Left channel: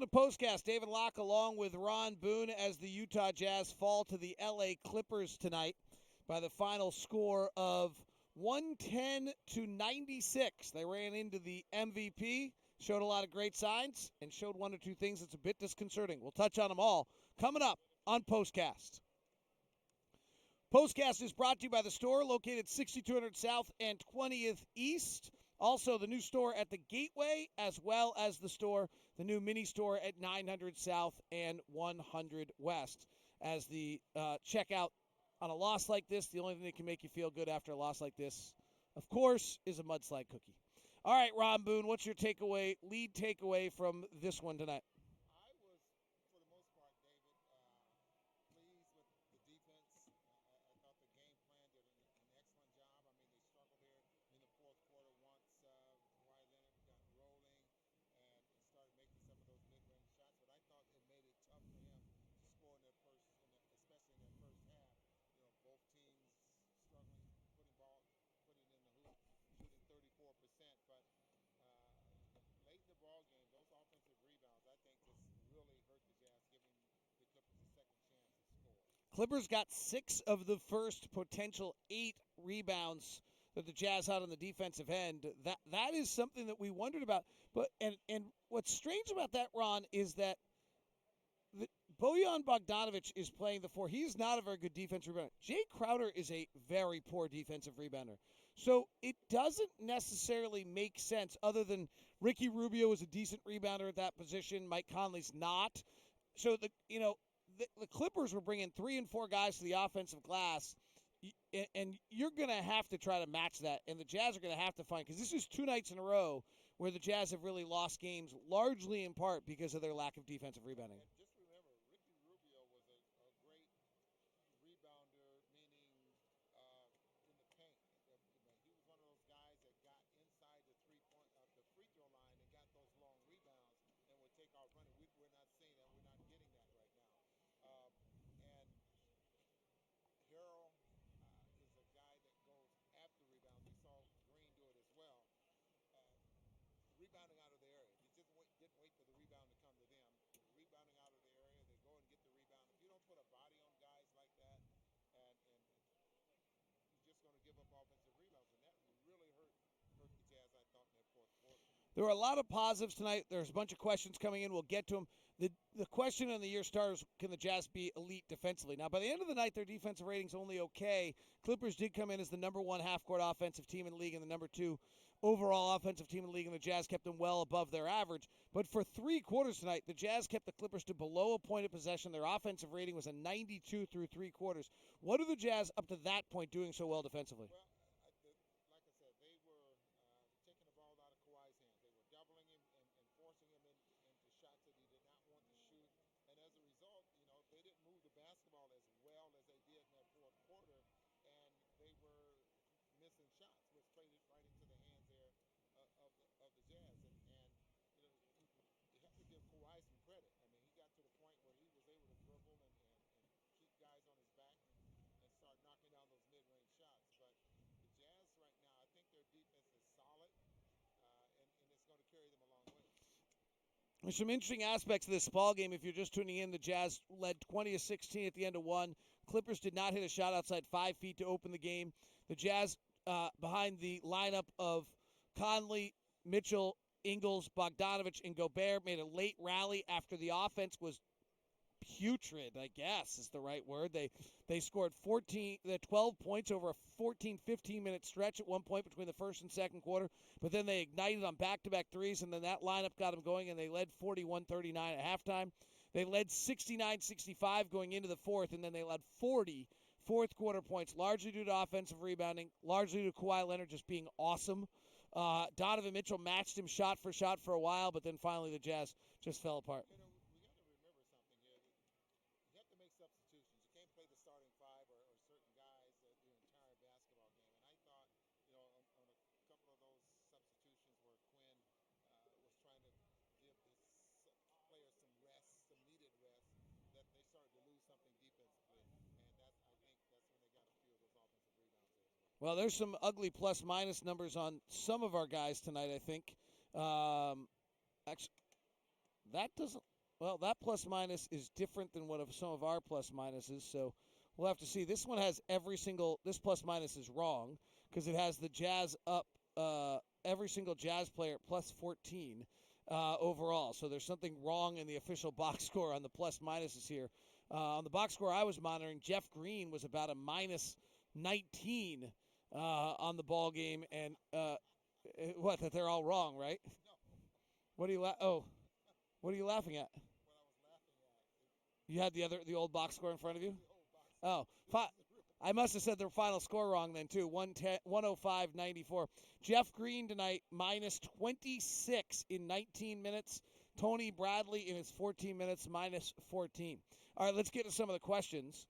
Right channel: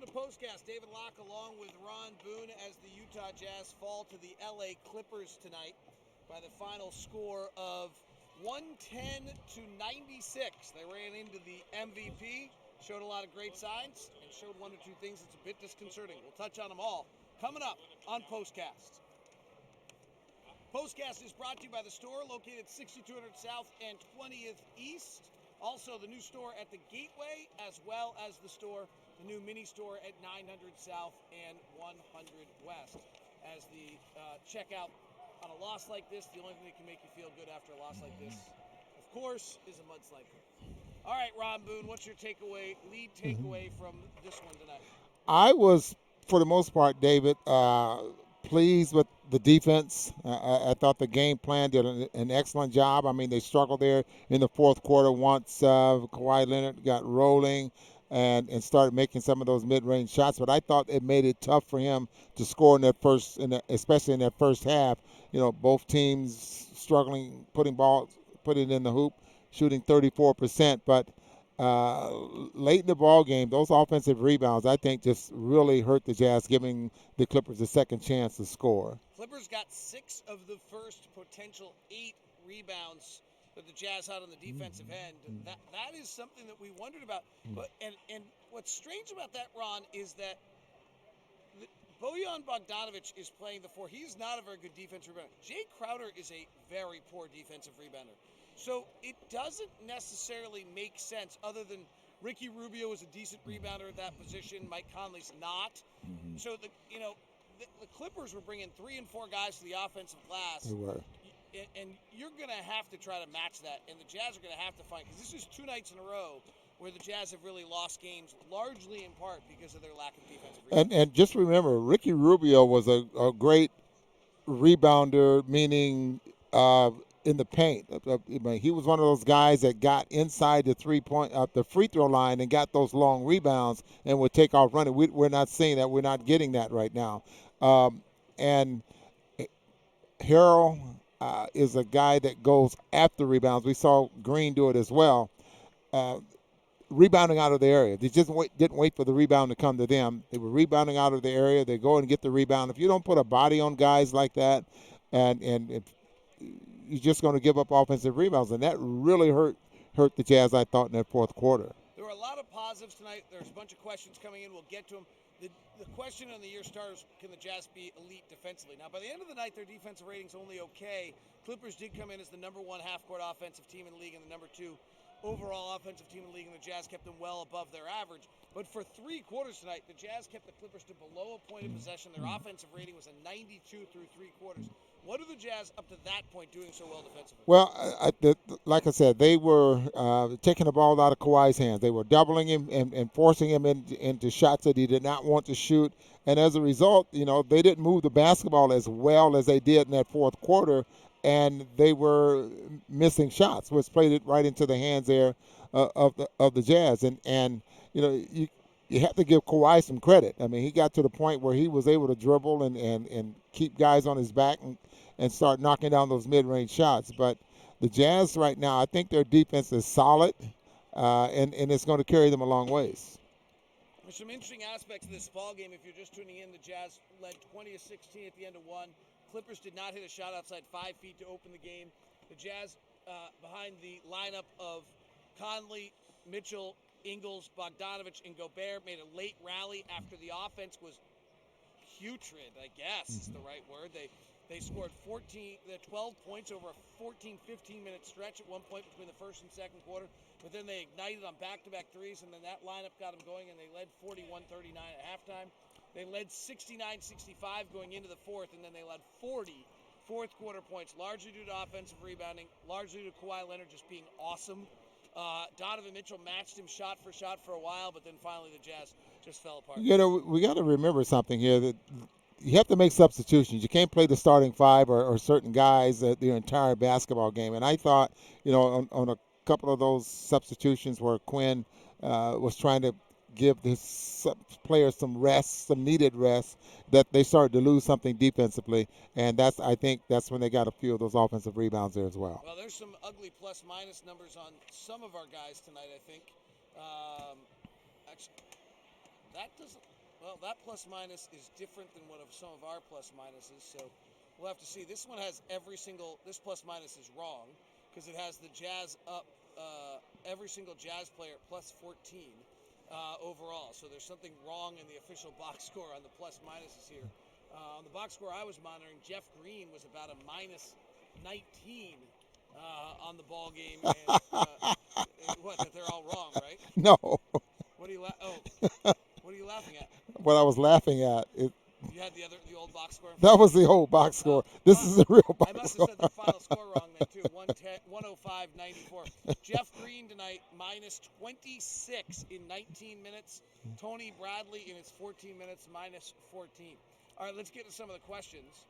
Welcome to POSTCAST. David Locke along with Ron Boone as the Utah Jazz fall to the LA Clippers tonight by the final score of 110-96. They ran into the MVP, showed a lot of great signs, and showed one or two things that's a bit disconcerting. We'll touch on them all coming up on POSTCAST. POSTCAST is brought to you by the store located 6200 South and 20th East. Also, the new store at the Gateway, as well as the new mini store at 900 South and 100 West. As the checkout on a loss like this, the only thing that can make you feel good after a loss like this, of course, is a mudslide cookie. All right, Ron Boone, what's your lead takeaway from this one tonight? I was, for the most part, David, pleased with the defense. I thought the game plan did an excellent job. I mean, they struggled there in the fourth quarter once Kawhi Leonard got rolling and started making some of those mid-range shots. But I thought it made it tough for him to score in especially in that first half. You know, both teams struggling, put it in the hoop, shooting 34%, but late in the ball game, those offensive rebounds, I think, just really hurt the Jazz, giving the Clippers a second chance to score. Clippers got 6 of the first potential 8 rebounds that the Jazz had on the defensive end. That is something that we wondered about. But and what's strange about that, Ron, is that Bojan Bogdanovic is playing the 4. He's not a very good defensive rebounder. Jay Crowder is a very poor defensive rebounder. So it doesn't necessarily make sense, other than Ricky Rubio is a decent rebounder at that position. Mike Conley's not. Mm-hmm. So the Clippers were bringing 3 and 4 guys to the offensive glass. They were. And you're going to have to try to match that. And the Jazz are going to have to find, because this is 2 nights in a row where the Jazz have really lost games, largely in part because of their lack of defensive rebounding. And just remember, Ricky Rubio was a great rebounder, meaning in the paint. He was one of those guys that got inside the the free throw line and got those long rebounds and would take off running. We're not seeing that. We're not getting that right now. And Harrell is a guy that goes after rebounds. We saw Green do it as well. Rebounding out of the area. They just didn't wait for the rebound to come to them. They were rebounding out of the area. They go and get the rebound. If you don't put a body on guys like that, and you're just going to give up offensive rebounds, and that really hurt the Jazz, I thought, in that fourth quarter. There were a lot of positives tonight. There's a bunch of questions coming in. We'll get to them. The question on the year starters, can the Jazz be elite defensively? Now, by the end of the night, their defensive rating's only okay. Clippers did come in as the number 1 half-court offensive team in the league and the number 2 overall offensive team in the league, and the Jazz kept them well above their average. But for 3 quarters tonight, the Jazz kept the Clippers to below a point of possession. Their offensive rating was a 92 through 3 quarters. What are the Jazz, up to that point, doing so well defensively? Well, like I said, they were taking the ball out of Kawhi's hands. They were doubling him and forcing him into shots that he did not want to shoot. And as a result, they didn't move the basketball as well as they did in that fourth quarter, and they were missing shots, which played it right into the hands there of the Jazz. And you have to give Kawhi some credit. I mean, he got to the point where he was able to dribble and keep guys on his back and start knocking down those mid-range shots. But the Jazz right now, I think their defense is solid, and it's going to carry them a long ways. There's some interesting aspects of this ball game. If you're just tuning in, the Jazz led 20-16 at the end of 1. Clippers did not hit a shot outside 5 feet to open the game. The Jazz, behind the lineup of Conley, Mitchell, Ingles, Bogdanovic, and Gobert, made a late rally after the offense was putrid, I guess is the right word. They scored 12 points over a 14-15-minute stretch at one point between the first and second quarter, but then they ignited on back-to-back threes, and then that lineup got them going, and they led 41-39 at halftime. They led 69-65 going into the fourth, and then they led 40 fourth-quarter points, largely due to offensive rebounding, largely due to Kawhi Leonard just being awesome. Donovan Mitchell matched him shot for a while, but then finally the Jazz just fell apart. We got to remember something here, that you have to make substitutions. You can't play the starting 5 or certain guys the entire basketball game. And I thought, on a couple of those substitutions where Quinn was trying to give his players some rest, some needed rest, that they started to lose something defensively, and I think that's when they got a few of those offensive rebounds there as well. Well, there's some ugly plus-minus numbers on some of our guys tonight, I think. Actually, That doesn't. Well, that plus minus is different than what of some of our plus minuses. So we'll have to see. This one has every single. This plus minus is wrong because it has the Jazz up. Every single Jazz player at plus 14 overall. So there's something wrong in the official box score on the plus minuses here. On the box score I was monitoring, Jeff Green was about a minus 19 on the ball game, and what? That they're all wrong, right? No. What are you? What are you laughing at? What I was laughing at, You had the old box score. that was the old box score. This is the real box I must have score. said their final score wrong then too. 105-94. Jeff Green tonight minus 26 in 19 minutes. Tony Bradley in his 14 minutes minus 14. All right, let's get to some of the questions.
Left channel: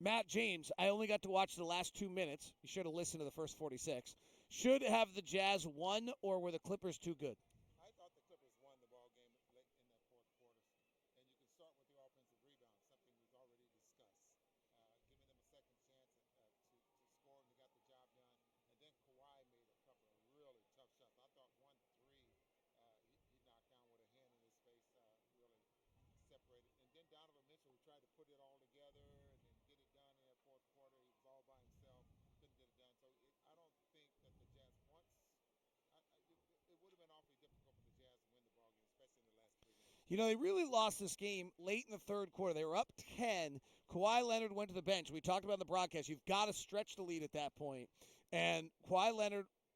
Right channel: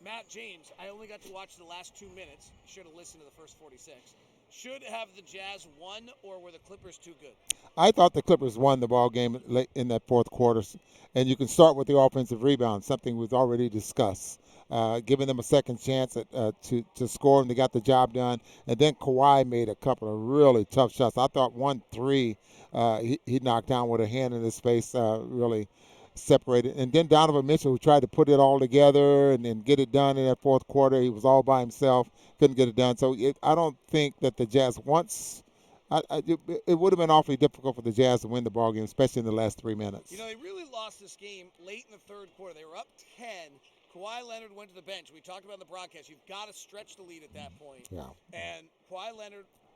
Matt James, I only got to watch the last 2 minutes. You should have listened to the first 46. Should have the Jazz won, or were the Clippers too good? I thought the Clippers won the ball game late in that fourth quarter, and you can start with the offensive rebound, something we've already discussed, giving them a second chance to score, and they got the job done. And then Kawhi made a couple of really tough shots. I thought 1-3 he knocked down with a hand in his face, really separated. And then Donovan Mitchell, who tried to put it all together and get it done in that fourth quarter, he was all by himself, couldn't get it done. So I don't think that the Jazz once. It would have been awfully difficult for the Jazz to win the ball game, especially in the last 3 minutes. You know, they really lost this game late in the third quarter. They were up 10. Kawhi Leonard went to the bench. We talked about in the broadcast. You've got to stretch the lead at that point. Yeah. And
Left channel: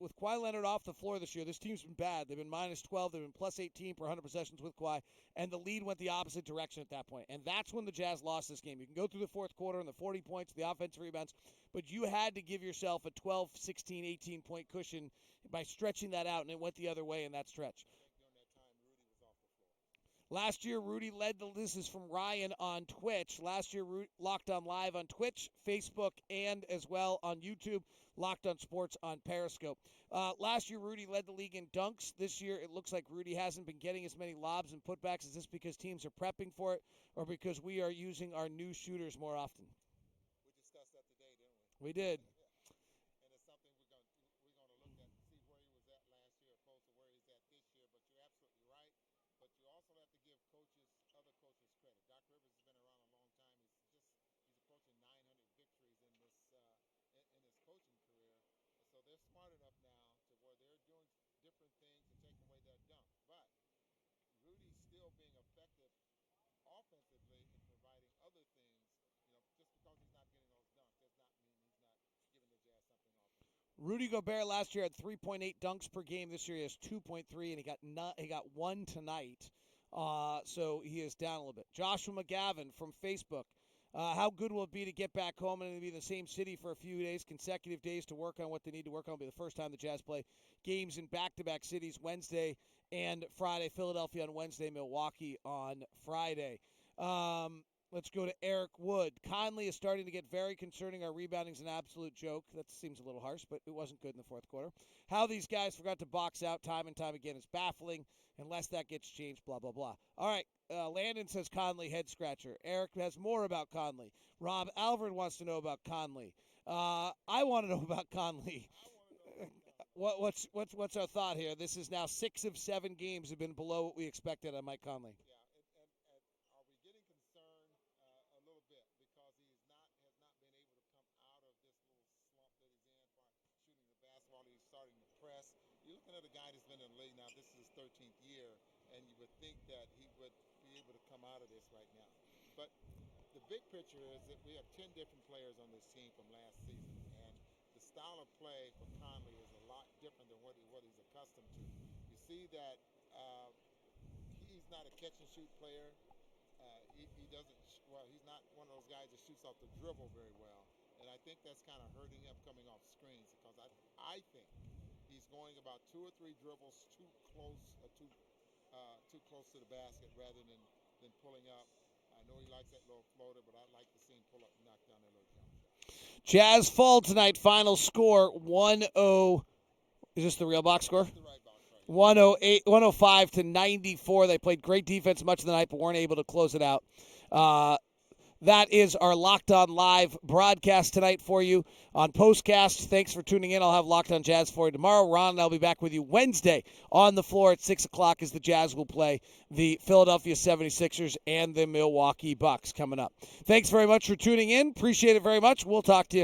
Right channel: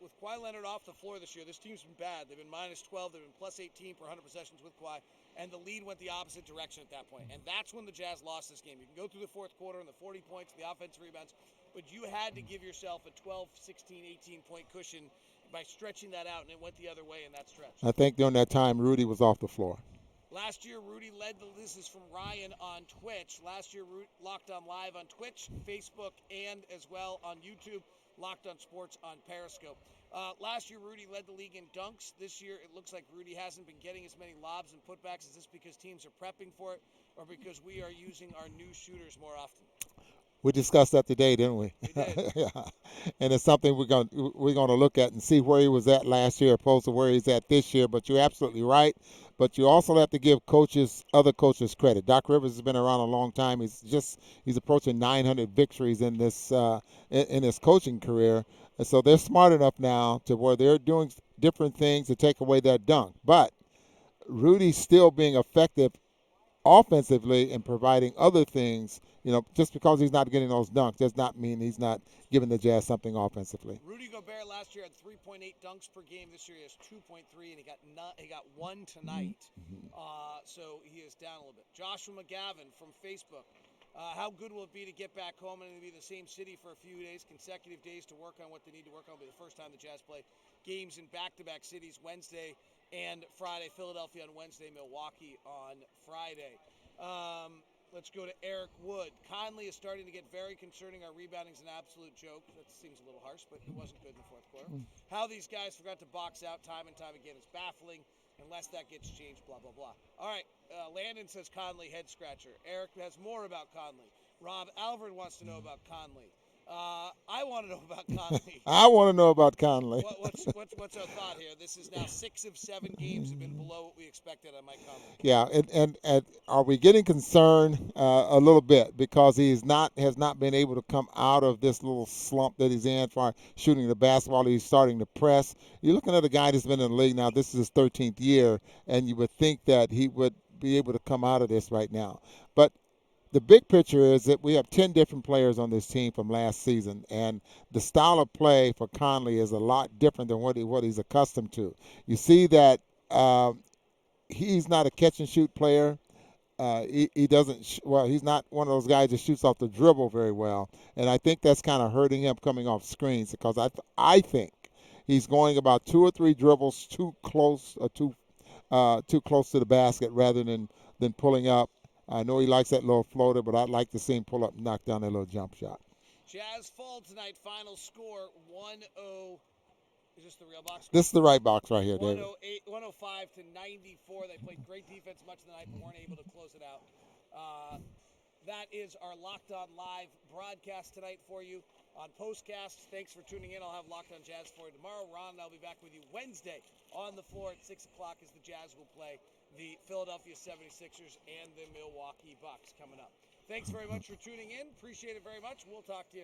with Kawhi Leonard off the floor this year, this team's been bad. They've been minus 12. They've been plus 18 per 100 possessions with Kawhi. And the lead went the opposite direction at that point. And that's when the Jazz lost this game. You can go through the fourth quarter and the 40 points, the offensive rebounds, but you had to give yourself a 12, 16, 18-point cushion by stretching that out, and it went the other way in that stretch. I think during that time, Rudy was off the floor. Last year, Rudy led this is from Ryan on Twitch. Last year, Locked On Live on Twitch, Facebook, and as well on YouTube. Locked On Sports on Periscope. Last year, Rudy led the league in dunks. This year, it looks like Rudy hasn't been getting as many lobs and putbacks. Is this because teams are prepping for it, or because we are using our new shooters more often? We discussed that today, didn't we? We did. Yeah. And it's something we're going to look at and see where he was at last year opposed to where he's at this year. But you're absolutely right. But you also have to give other coaches credit. Doc Rivers has been around a long time. He's approaching 900 victories in this in his coaching career. And so they're smart enough now to where they're doing different things to take away that dunk. But Rudy's still being effective offensively and providing other things. Just because he's not getting those dunks does not mean he's not giving the Jazz something offensively. Rudy Gobert last year had 3.8 dunks per game. This year he has 2.3, and he got one tonight. So he is down a little bit. Joshua McGavin from Facebook. How good will it be to get back home and be in the same city for a few days, consecutive days to work on what they need to work on? It'll be the first time the Jazz play games in back-to-back cities, Wednesday and Friday. Philadelphia on Wednesday, Milwaukee on Friday. Let's go to Eric Wood. Conley is starting to get very concerning. Our rebounding is an absolute joke. That seems a little harsh, but it wasn't good in the fourth quarter. How these guys forgot to box out time and time again is baffling. Unless that gets changed, blah, blah, blah. All right, Landon says Conley head scratcher. Eric has more about Conley. Rob Alvord wants to know about Conley. I want to know about Conley. I want to know about Conley. What's our thought here? This is now 6 of 7 games have been below what we expected on Mike Conley. Yeah, and are we getting concerned a little bit because has not been able to come out of this little slump that he's in for shooting the basketball? He's starting to press. You're looking at a guy that's been in the league now. This is his 13th year, and you would think that he would be able to come out of this right now. But the big picture is that we have 10 different players on this team from last season, and the style of play for Conley is a lot different than what he's accustomed to. You see that he's not a catch-and-shoot player. He doesn't he's not one of those guys that shoots off the dribble very well, and I think that's kind of hurting him coming off screens because I think he's going about 2 or 3 dribbles too close to the basket rather than pulling up. I know he likes that little floater, but I'd like to see him pull up and knock down that little jump shot. Jazz fall tonight. Final score 1-0. Is this the real box score? This is the right box right here. 105-94. They played great defense much of the night, but weren't able to close it out. that is our Locked On Live broadcast tonight for you on POSTCAST. Thanks for tuning in. I'll have Locked On Jazz for you tomorrow. Ron and I'll be back with you Wednesday on the floor at 6 o'clock as the Jazz will play the Philadelphia 76ers and the Milwaukee Bucks coming up. Thanks very much for tuning in. Appreciate it very much. We'll talk to you